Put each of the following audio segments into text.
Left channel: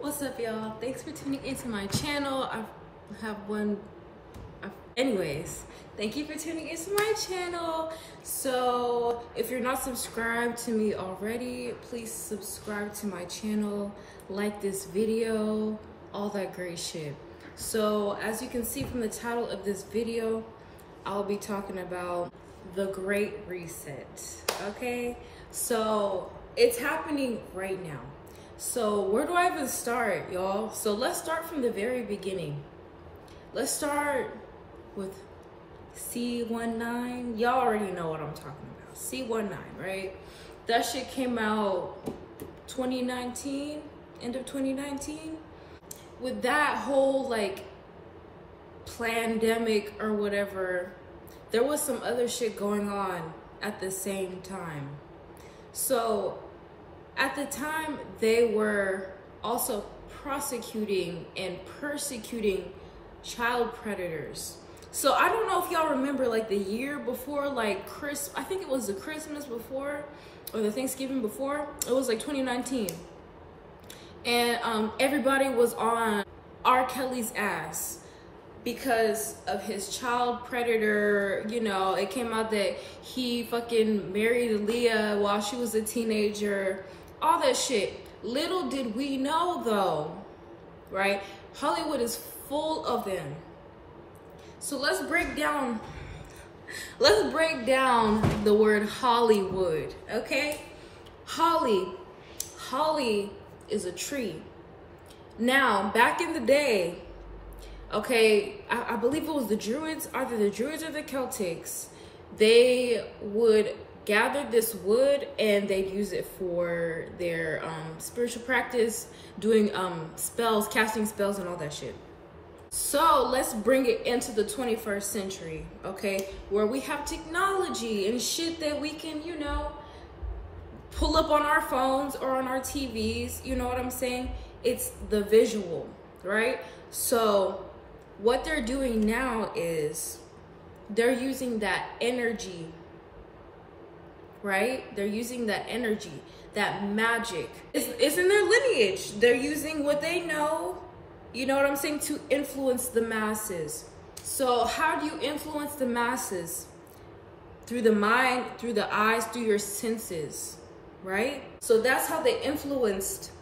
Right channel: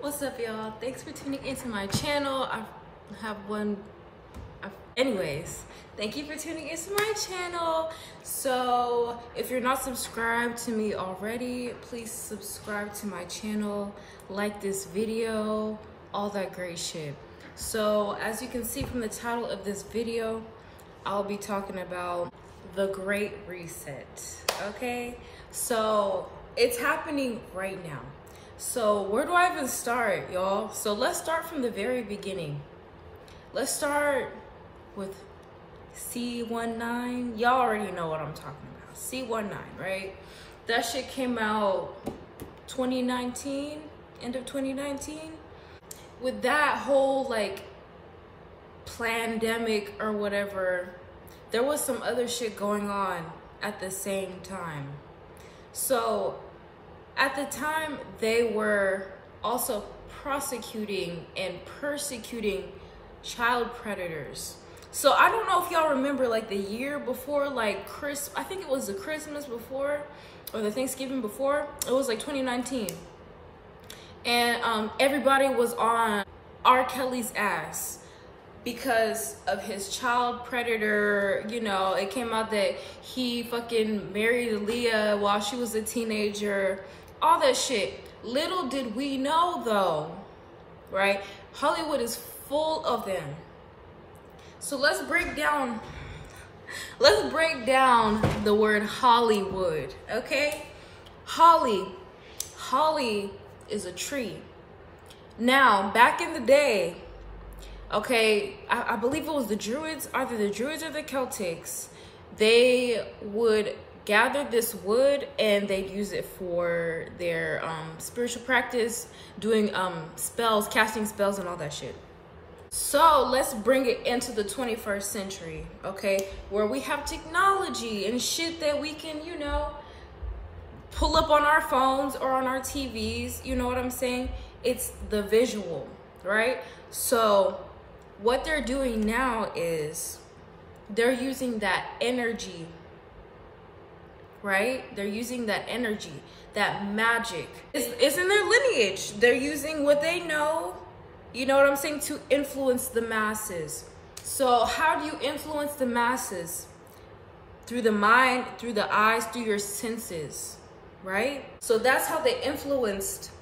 What's up, y'all? Thanks for tuning into my channel. Anyways, thank you for tuning into my channel. So if you're not subscribed to me already, please subscribe to my channel, like this video, all that great shit. So as you can see from the title of this video, I'll be talking about the Great Reset, okay? So it's happening right now. So where do I even start, y'all? So let's start from the very beginning. Let's start with C19. Y'all already know what I'm talking about. C19, right? That shit came out 2019, end of 2019. With that whole like pandemic or whatever, there was some other shit going on at the same time. So at the time, they were also prosecuting and persecuting child predators. So I don't know if y'all remember, like the year before, like I think it was the Christmas before or the Thanksgiving before. It was like 2019, and everybody was on R. Kelly's ass because of his child predator. You know, it came out that he fucking married Aaliyah while she was a teenager. All that shit. Little did we know though, right? Hollywood is full of them. So let's break down the word Hollywood, okay? Holly is a tree. Now, back in the day, okay, I believe it was the Druids, either the Druids or the Celtics, they would gather this wood and they'd use it for their spiritual practice, doing spells, casting spells and all that shit. So let's bring it into the 21st century, okay, where we have technology and shit that we can, you know, pull up on our phones or on our TVs. You know what I'm saying? It's the visual, right? So what they're doing now is they're using that energy, right? They're using that energy, that magic. It's in their lineage. They're using what they know, you know what I'm saying, to influence the masses. So how do you influence the masses? Through the mind, through the eyes, through your senses, right? So that's how they influenced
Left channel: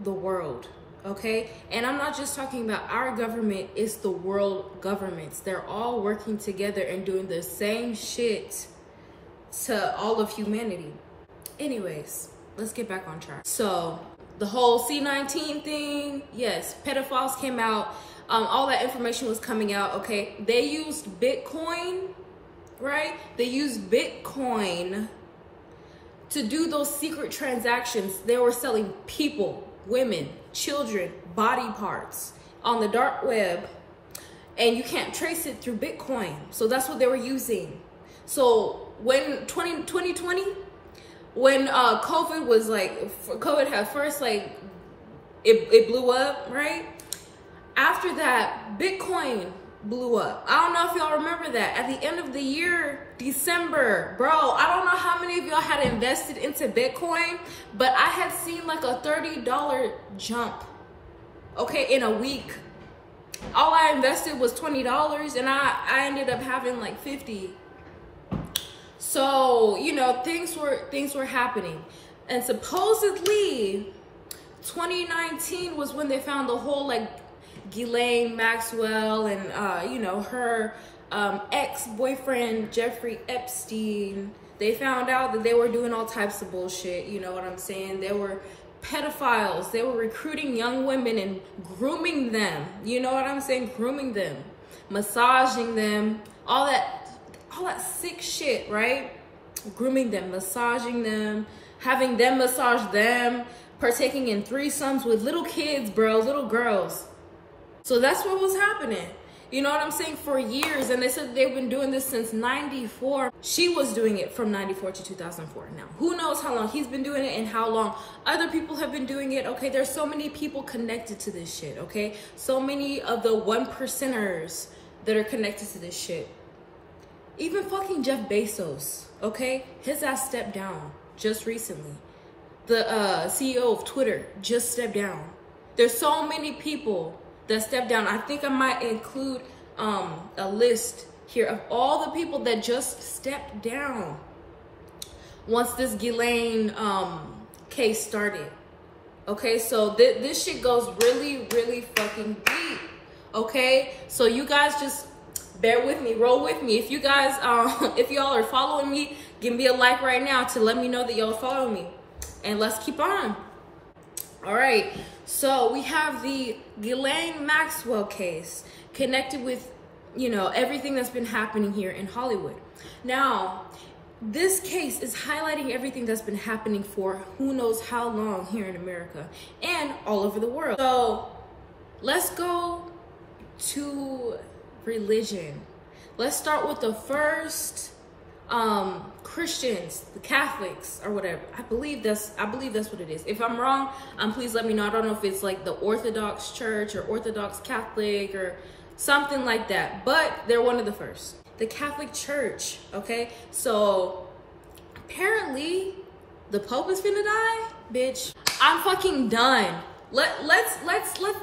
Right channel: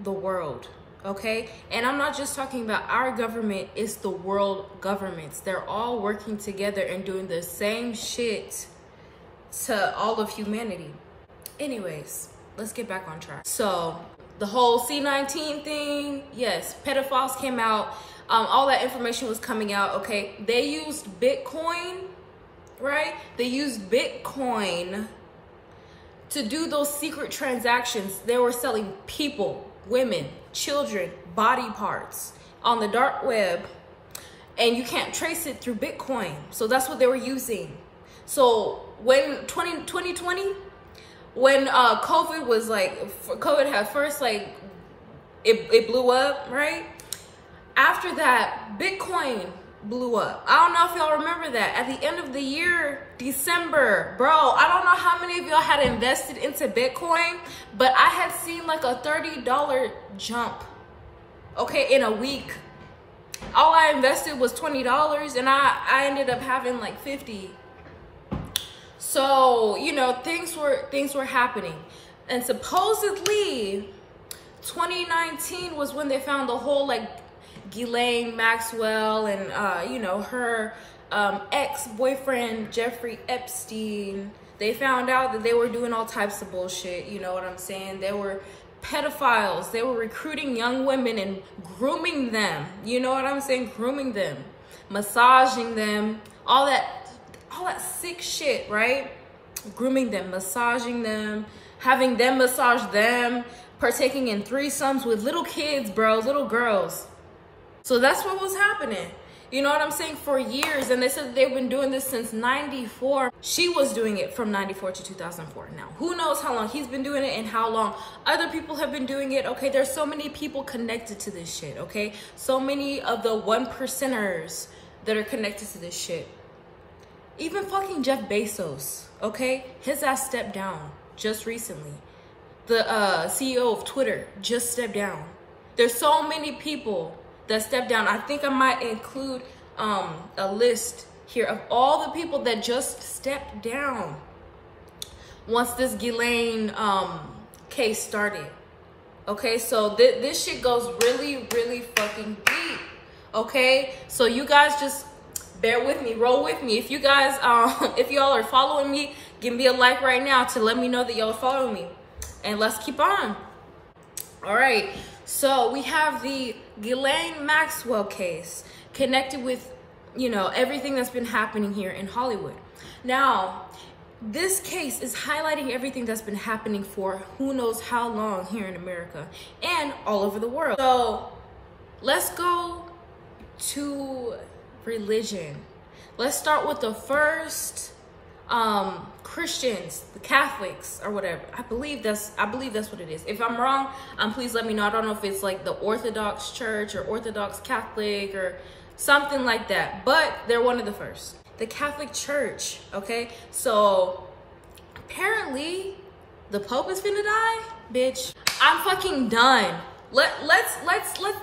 the world, okay? And I'm not just talking about our government, it's the world governments. They're all working together and doing the same shit to all of humanity. Anyways, let's get back on track. So the whole C19 thing, yes, pedophiles came out, all that information was coming out, okay? They used Bitcoin, right? They used Bitcoin to do those secret transactions. They were selling people, women, children, body parts on the dark web, and you can't trace it through Bitcoin. So that's what they were using. So when 2020, when COVID was like, COVID had first, like, it blew up, right? After that, Bitcoin blew up. I don't know if y'all remember that. At the end of the year, December, bro, I don't know how many of y'all had invested into Bitcoin, but I had seen like a $30 jump, okay, in a week. All I invested was $20 and I ended up having like 50. So, you know, things were happening. And supposedly 2019 was when they found the whole like Ghislaine Maxwell and you know, her ex-boyfriend Jeffrey Epstein. They found out that they were doing all types of bullshit, you know what I'm saying? They were pedophiles. They were recruiting young women and grooming them. You know what I'm saying? Grooming them, massaging them, all that sick shit, right? Grooming them, massaging them, having them massage them, partaking in threesomes with little kids, bro, little girls. So that's what was happening. You know what I'm saying? For years. And they said they've been doing this since 94. She was doing it from 94 to 2004. Now, who knows how long he's been doing it and how long other people have been doing it. Okay, there's so many people connected to this shit, okay? So many of the 1%ers that are connected to this shit. Even fucking Jeff Bezos, okay? His ass stepped down just recently. The CEO of Twitter just stepped down. There's so many people that stepped down. I think I might include a list here of all the people that just stepped down once this Ghislaine case started. Okay, so this shit goes really, really fucking deep. Okay, so you guys just bear with me, roll with me. If you guys, if y'all are following me, give me a like right now to let me know that y'all follow me. And let's keep on. All right, so we have the Ghislaine Maxwell case connected with, you know, everything that's been happening here in Hollywood. Now, this case is highlighting everything that's been happening for who knows how long here in America and all over the world. So let's go to religion. Let's start with the first Christians, the Catholics or whatever. I believe that's what it is. If I'm wrong, please let me know. I don't know if it's like the Orthodox Church or Orthodox Catholic or something like that, but they're one of the first. The Catholic Church, okay? So apparently the Pope is finna die, bitch. I'm fucking done. Let's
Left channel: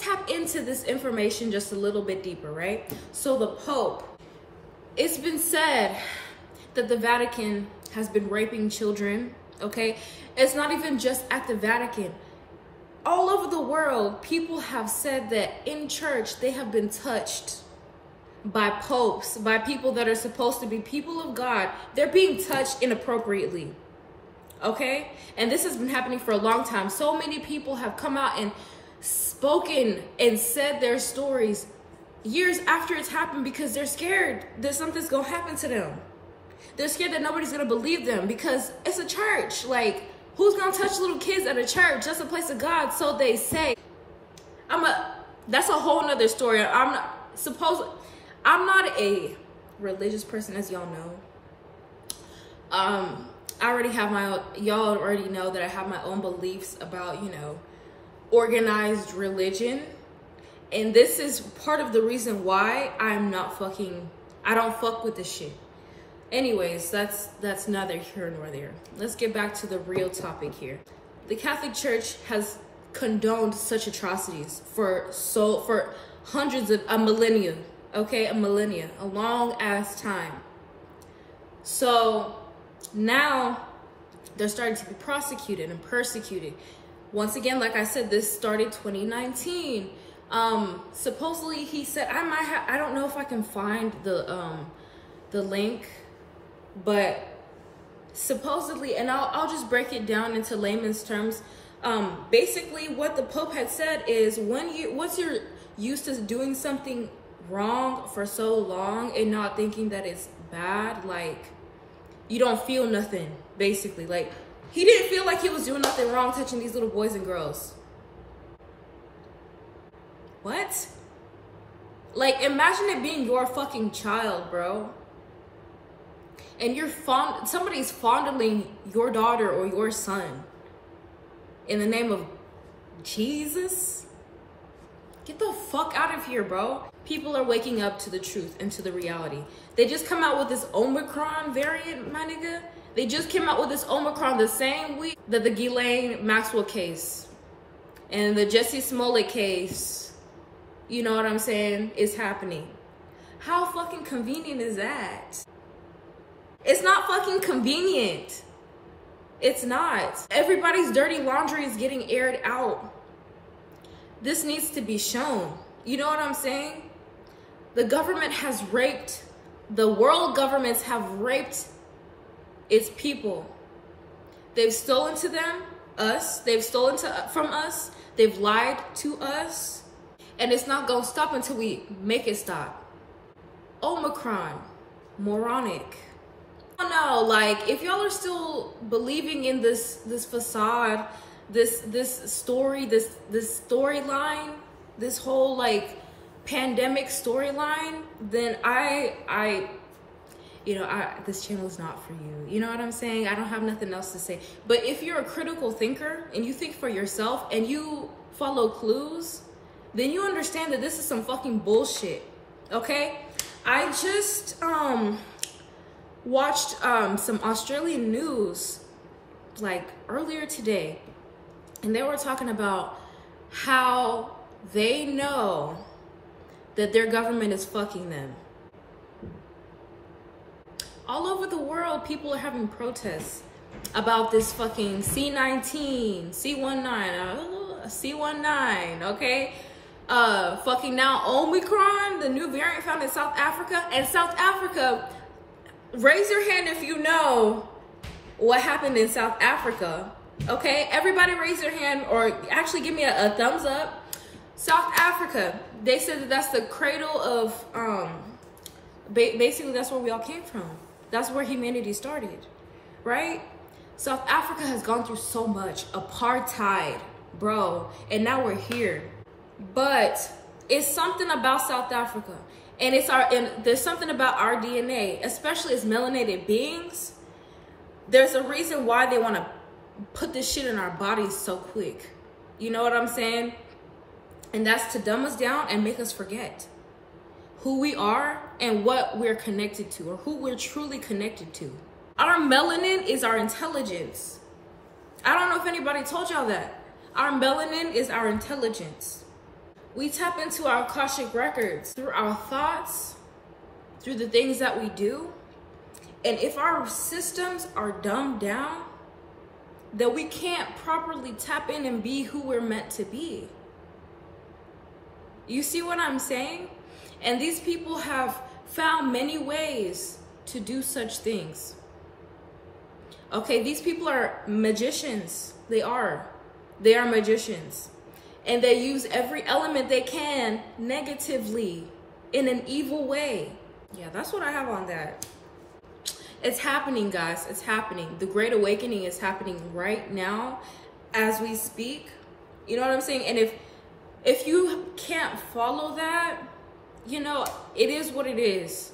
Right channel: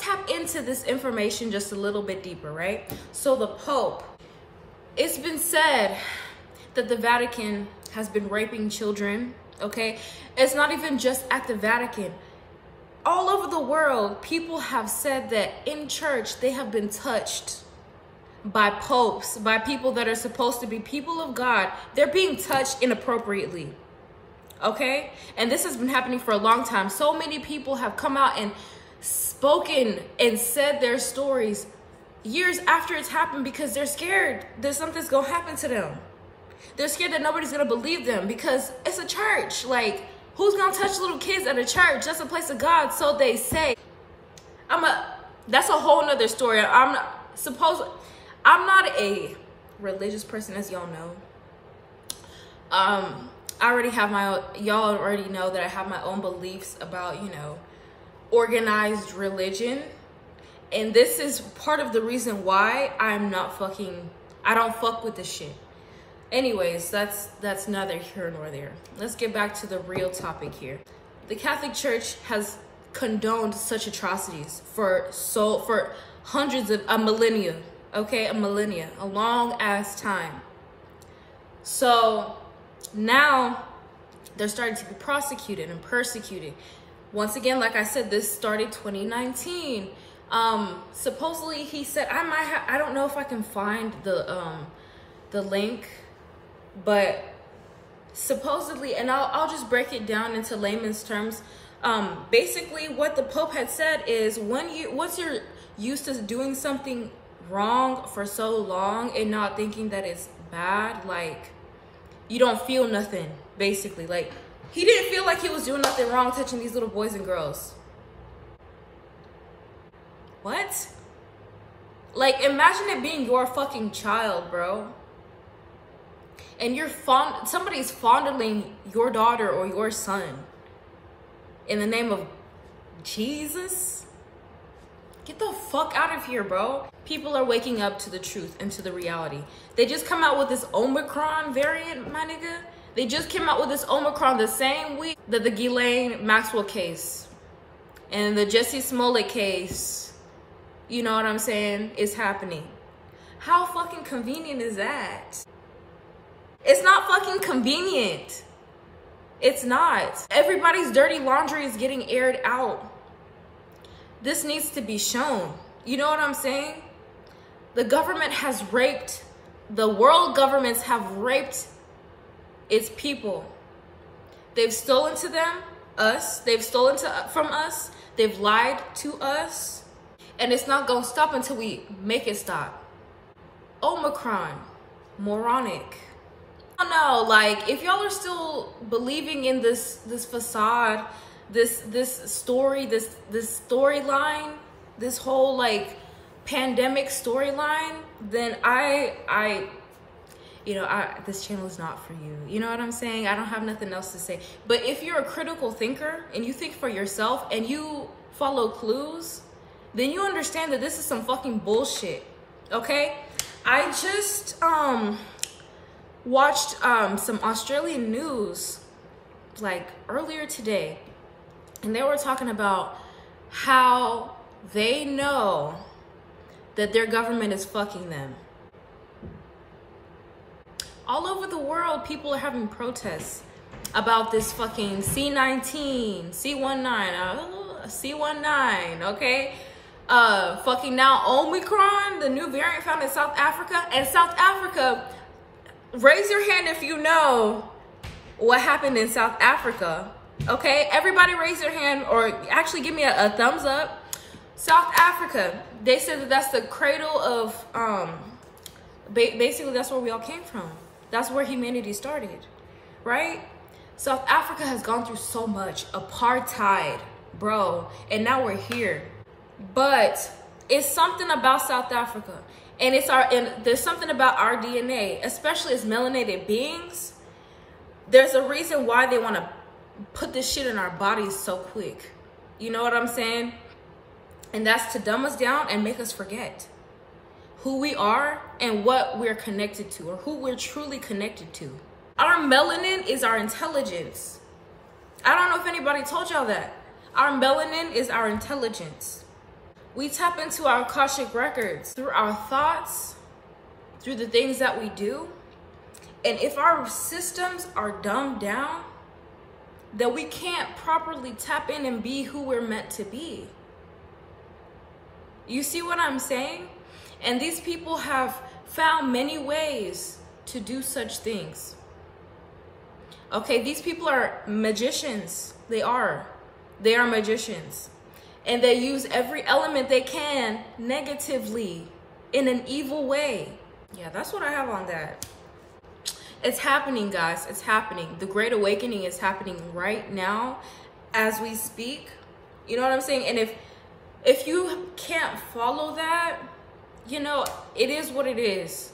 tap into this information just a little bit deeper, right? So the Pope, it's been said that the Vatican has been raping children, okay? It's not even just at the Vatican. All over the world, people have said that in church, they have been touched by popes, by people that are supposed to be people of God. They're being touched inappropriately, okay? And this has been happening for a long time. So many people have come out and spoken and said their stories years after it's happened because they're scared that something's gonna happen to them. They're scared that nobody's gonna believe them because it's a church. Like, who's gonna touch little kids at a church? That's a place of God, so they say. That's a whole nother story. I'm not a religious person, as y'all know. Y'all already know that I have my own beliefs about, you know, organized religion. And this is part of the reason why I don't fuck with this shit. Anyways, that's neither here nor there. Let's get back to the real topic here. The Catholic Church has condoned such atrocities for hundreds of a millennia, okay? A millennia, a long ass time. So now they're starting to be prosecuted and persecuted. Once again, like I said, this started 2019. Supposedly he said, I don't know if I can find the link, but supposedly, and I'll just break it down into layman's terms. Basically what the Pope had said is once you're used to doing something wrong for so long and not thinking that it's bad, like you don't feel nothing, basically. Like he didn't feel like he was doing nothing wrong touching these little boys and girls. What? Like, imagine it being your fucking child, bro. And somebody's fondling your daughter or your son in the name of Jesus. Get the fuck out of here, bro. People are waking up to the truth and to the reality. They just come out with this Omicron variant, my nigga. They just came out with this Omicron the same week that the Ghislaine Maxwell case and the Jussie Smollett case, you know what I'm saying, is happening. How fucking convenient is that? It's not fucking convenient. It's not. Everybody's dirty laundry is getting aired out. This needs to be shown. You know what I'm saying? The government has raped, the world governments have raped its people. They've stolen to them, us. They've stolen from us. They've lied to us. And it's not gonna stop until we make it stop. Omicron, moronic. I don't know, like, if y'all are still believing in this facade, this story, this storyline, this whole like pandemic storyline, then this channel is not for you. You know what I'm saying? I don't have nothing else to say. But if you're a critical thinker and you think for yourself and you follow clues, then you understand that this is some fucking bullshit, okay? I just watched some Australian news like earlier today, and they were talking about how they know that their government is fucking them. All over the world, people are having protests about this fucking C19, C19, okay? Fucking now Omicron, the new variant found in South Africa. And South Africa, raise your hand if you know what happened in South Africa, okay? Everybody raise your hand, or actually give me a thumbs up. South Africa, they said that that's the cradle of, basically that's where we all came from. That's where humanity started, right? South Africa has gone through so much apartheid, bro, and now we're here. But it's something about South Africa, and there's something about our DNA, especially as melanated beings. There's a reason why they want to put this shit in our bodies so quick. You know what I'm saying? And that's to dumb us down and make us forget who we are and what we're connected to, or who we're truly connected to. Our melanin is our intelligence. I don't know if anybody told y'all that. Our melanin is our intelligence. We tap into our Akashic records through our thoughts, through the things that we do. And if our systems are dumbed down, then we can't properly tap in and be who we're meant to be. You see what I'm saying? And these people have found many ways to do such things. Okay, these people are magicians. They are magicians. And they use every element they can negatively in an evil way. Yeah, that's what I have on that. It's happening, guys. It's happening. The Great Awakening is happening right now as we speak. You know what I'm saying? And if you can't follow that, you know, it is what it is.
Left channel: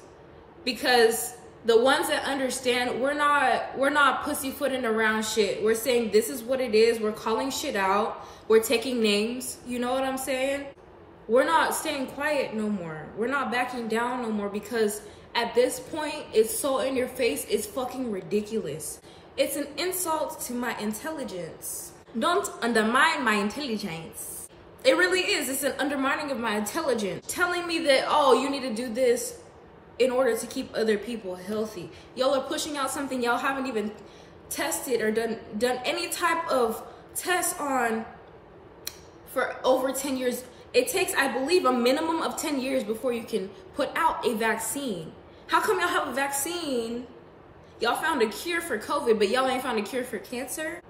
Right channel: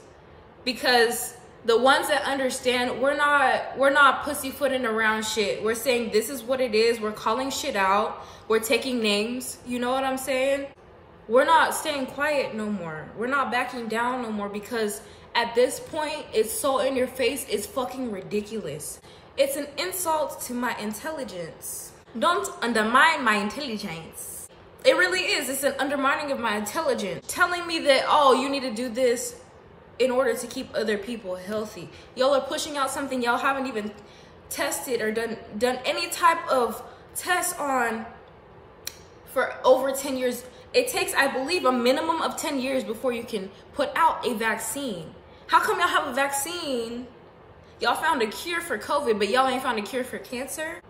Because the ones that understand, we're not pussyfooting around shit. We're saying this is what it is. We're calling shit out. We're taking names. You know what I'm saying? We're not staying quiet no more. We're not backing down no more, because at this point, it's so in your face, it's fucking ridiculous. It's an insult to my intelligence. Don't undermine my intelligence. It really is. It's an undermining of my intelligence. Telling me that, oh, you need to do this in order to keep other people healthy. Y'all are pushing out something y'all haven't even tested or done any type of test on for over 10 years. It takes, I believe, a minimum of 10 years before you can put out a vaccine. How come y'all have a vaccine? Y'all found a cure for COVID, but y'all ain't found a cure for cancer?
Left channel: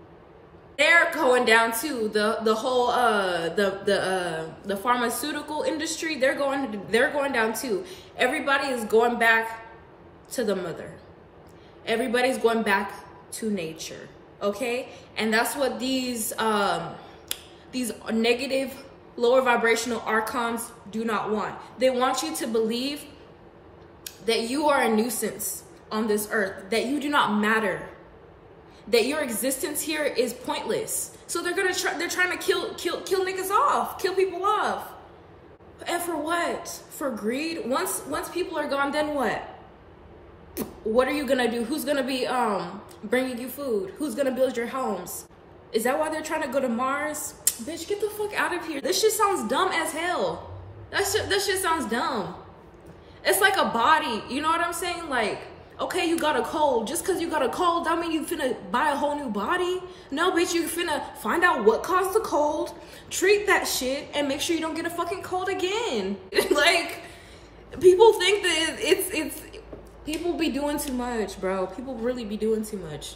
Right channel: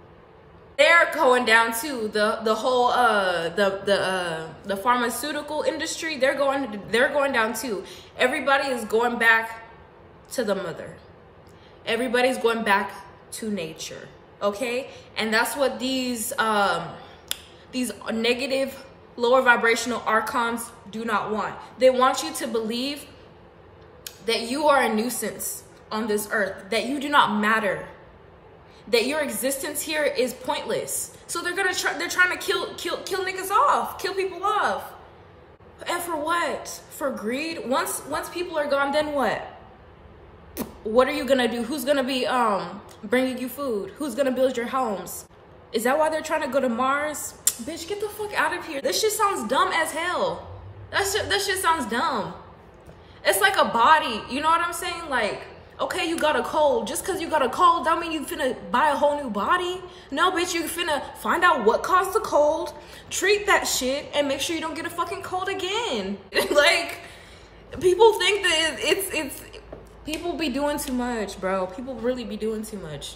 They're going down too. The whole the pharmaceutical industry, they're going down too. Everybody is going back to the mother. Everybody's going back to nature. Okay? And that's what these negative, lower vibrational archons do not want. They want you to believe that you are a nuisance on this earth, that you do not matter, that your existence here is pointless. So they're trying to kill niggas off, kill people off. And for what? For greed? Once people are gone, then what? What are you gonna do? Who's gonna be bringing you food? Who's gonna build your homes? Is that why they're trying to go to Mars? Bitch, get the fuck out of here. This shit sounds dumb as hell. That shit sounds dumb. It's like a body, you know what I'm saying? Like, okay, you got a cold. Just because you got a cold, don't mean you finna buy a whole new body. No, bitch, you finna find out what caused the cold, treat that shit, and make sure you don't get a fucking cold again. Like, people think that it's people be doing too much, bro. People really be doing too much.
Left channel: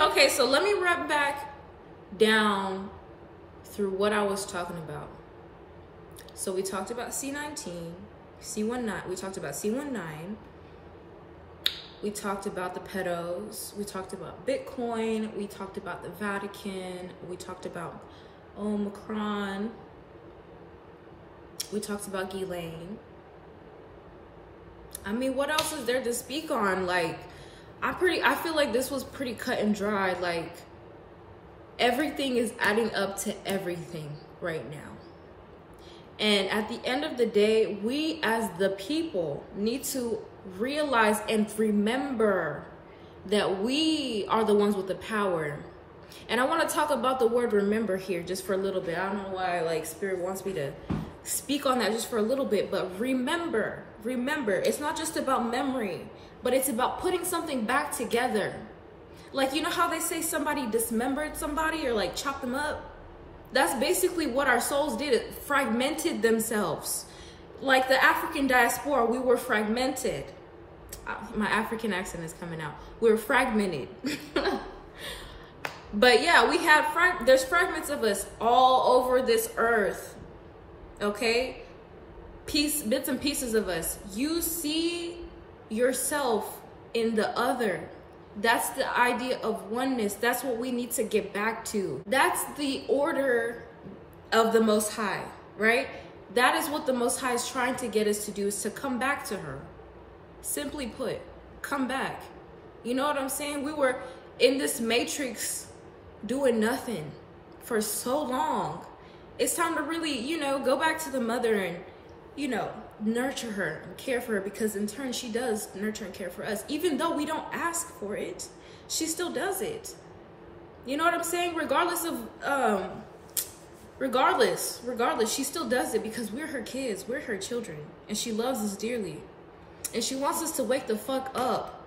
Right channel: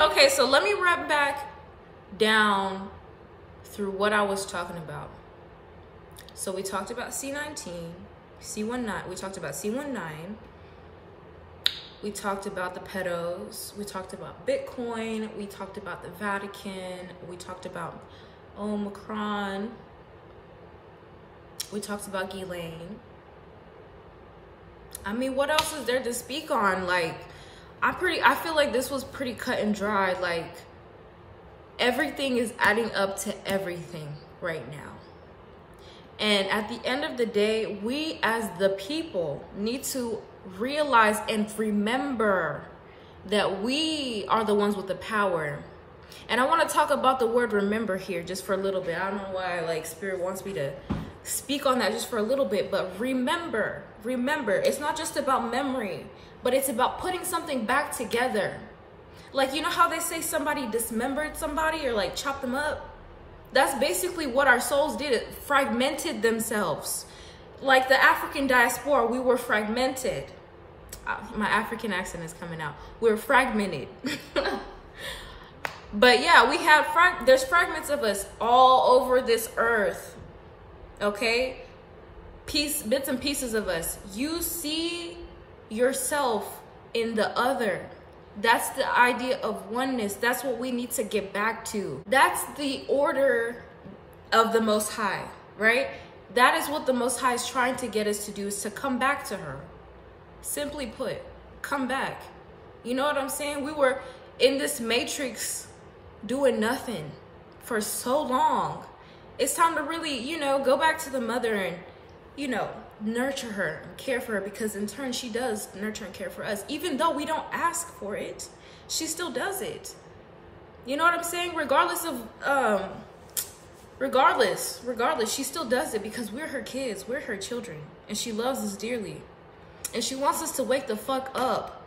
Okay, so let me wrap back down through what I was talking about. So we talked about C19, C19, we talked about C19, we talked about the pedos, we talked about Bitcoin, we talked about the Vatican, we talked about Omicron, we talked about Ghislaine. I mean, what else is there to speak on? Like, I feel like this was pretty cut and dry. Like, everything is adding up to everything right now. And at the end of the day, we as the people need to realize and remember that we are the ones with the power. And I want to talk about the word remember here just for a little bit. I don't know why like Spirit wants me to speak on that just for a little bit, but remember, it's not just about memory, but it's about putting something back together. Like, you know how they say somebody dismembered somebody or like chopped them up? That's basically what our souls did. It fragmented themselves. Like the African diaspora, we were fragmented. My African accent is coming out. We were fragmented. But yeah, we have, there's fragments of us all over this earth. Okay? Bits and pieces of us. You see yourself in the other. That's the idea of oneness. That's what we need to get back to. That's the order of the Most High, right? That is what the Most High is trying to get us to do, is to come back to her. Simply put, come back. You know what I'm saying? We were in this matrix doing nothing for so long. It's time to really, you know, go back to the mother and, you know, nurture her and care for her, because in turn she does nurture and care for us. Even though we don't ask for it, she still does it. You know what I'm saying? Regardless of regardless, she still does it because we're her kids, we're her children, and she loves us dearly. And she wants us to wake the fuck up.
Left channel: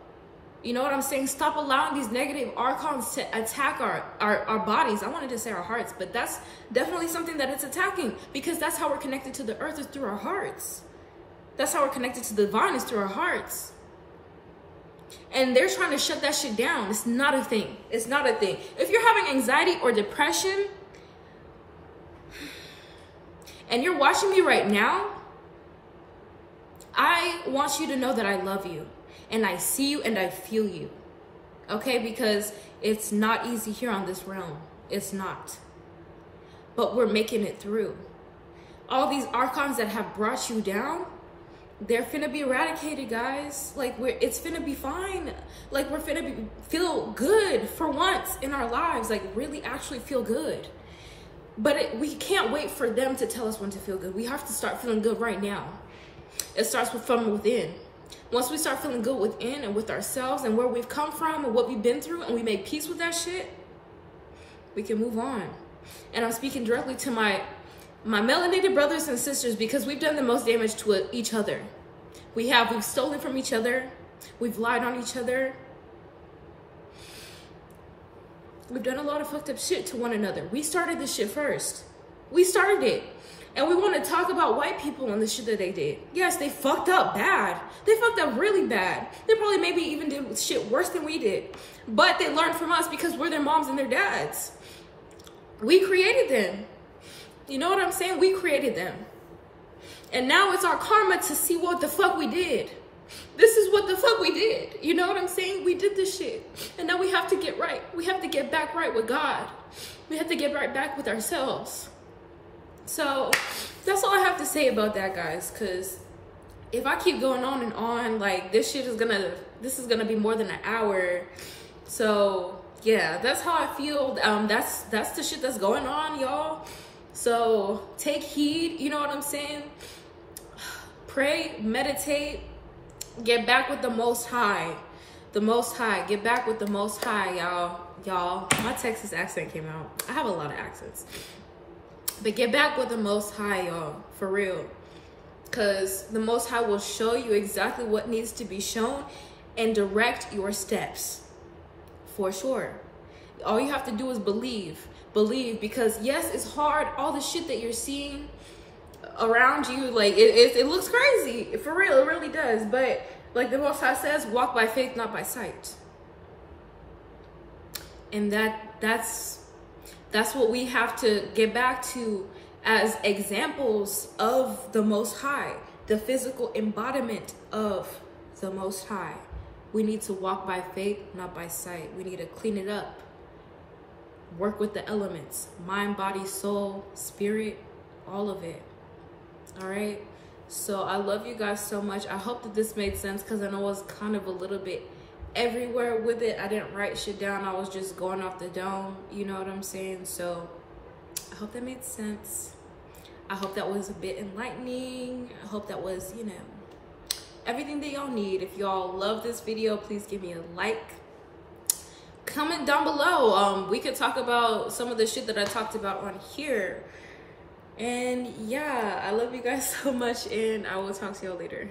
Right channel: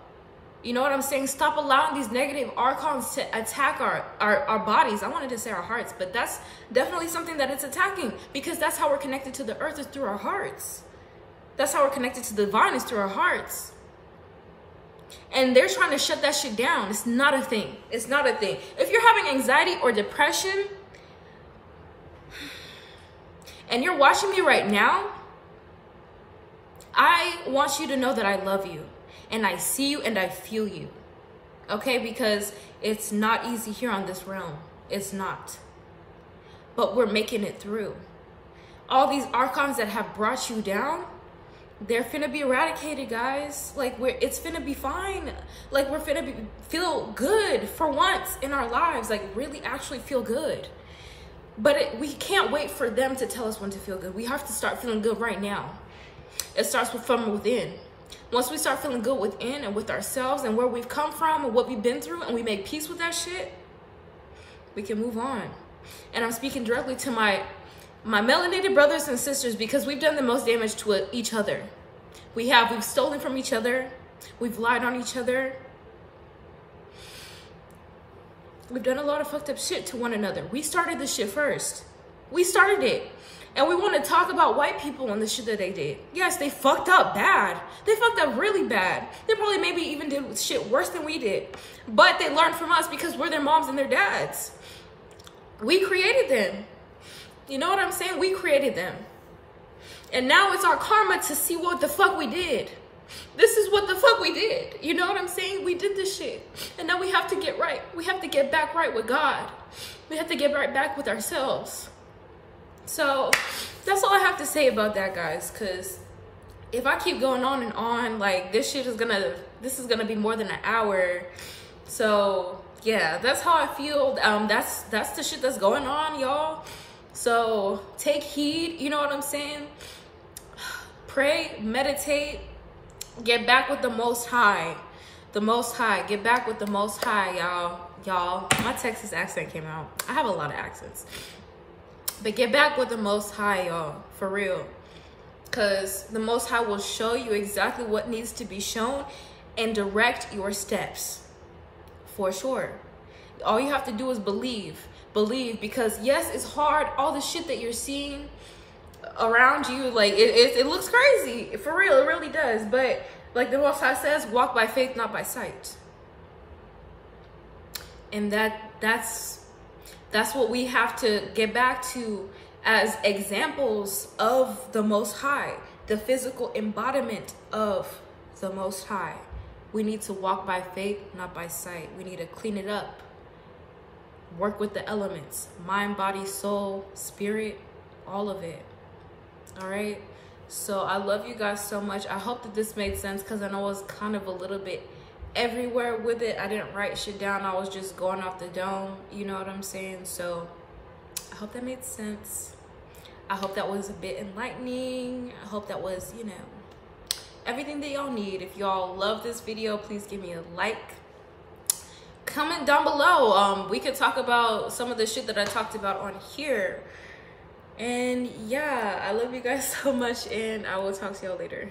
You know what I'm saying? Stop allowing these negative archons to attack our bodies. I wanted to say our hearts, but that's definitely something that it's attacking, because that's how we're connected to the earth, is through our hearts. That's how we're connected to the divine, is through our hearts. And they're trying to shut that shit down. It's not a thing. It's not a thing. If you're having anxiety or depression and you're watching me right now, I want you to know that I love you. And I see you and I feel you. Okay? Because it's not easy here on this realm. It's not. But we're making it through. All these archons that have brought you down, they're finna be eradicated, guys. Like, it's finna be fine. Like, we're finna feel good for once in our lives. Like, really actually feel good. But we can't wait for them to tell us when to feel good. We have to start feeling good right now. It starts from within. Once we start feeling good within and with ourselves and where we've come from and what we've been through, and we make peace with that shit, we can move on. And I'm speaking directly to my melanated brothers and sisters, because we've done the most damage to each other. We've stolen from each other. We've lied on each other. We've done a lot of fucked up shit to one another. We started this shit first. We started it. And we want to talk about white people and the shit that they did. Yes, they fucked up bad. They fucked up really bad. They probably maybe even did shit worse than we did. But they learned from us because we're their moms and their dads. We created them. You know what I'm saying? We created them. And now it's our karma to see what the fuck we did. This is what the fuck we did. You know what I'm saying? We did this shit. And now we have to get right. We have to get back right with God. We have to get right back with ourselves. So that's all I have to say about that, guys. Because if I keep going on and on, like, this is gonna be more than an hour. So yeah, that's how I feel. That's the shit that's going on, y'all. So take heed, you know what I'm saying? Pray, meditate, get back with the Most High. The Most High, get back with the Most High, y'all. My Texas accent came out. I have a lot of accents. But get back with the Most High, y'all, for real. Because the Most High will show you exactly what needs to be shown and direct your steps, for sure. All you have to do is believe. Believe, because yes, it's hard. All the shit that you're seeing around you, like, it looks crazy. For real, it really does. But like the Most High says, walk by faith, not by sight. And that's what we have to get back to as examples of the Most High, the physical embodiment of the Most High. We need to walk by faith, not by sight. We need to clean it up. Work with the elements, mind, body, soul, spirit, all of it. All right. So I love you guys so much. I hope that this made sense, because I know I was kind of a little bit everywhere with it. I didn't write shit down. I was just going off the dome. You know what I'm saying? So I hope that made sense. I hope that was a bit enlightening. I hope that was, you know, everything that y'all need. If y'all love this video, please give me a like, comment down below. We could talk about some of the shit that I talked about on here. And yeah, I love you guys so much, and I will talk to y'all later.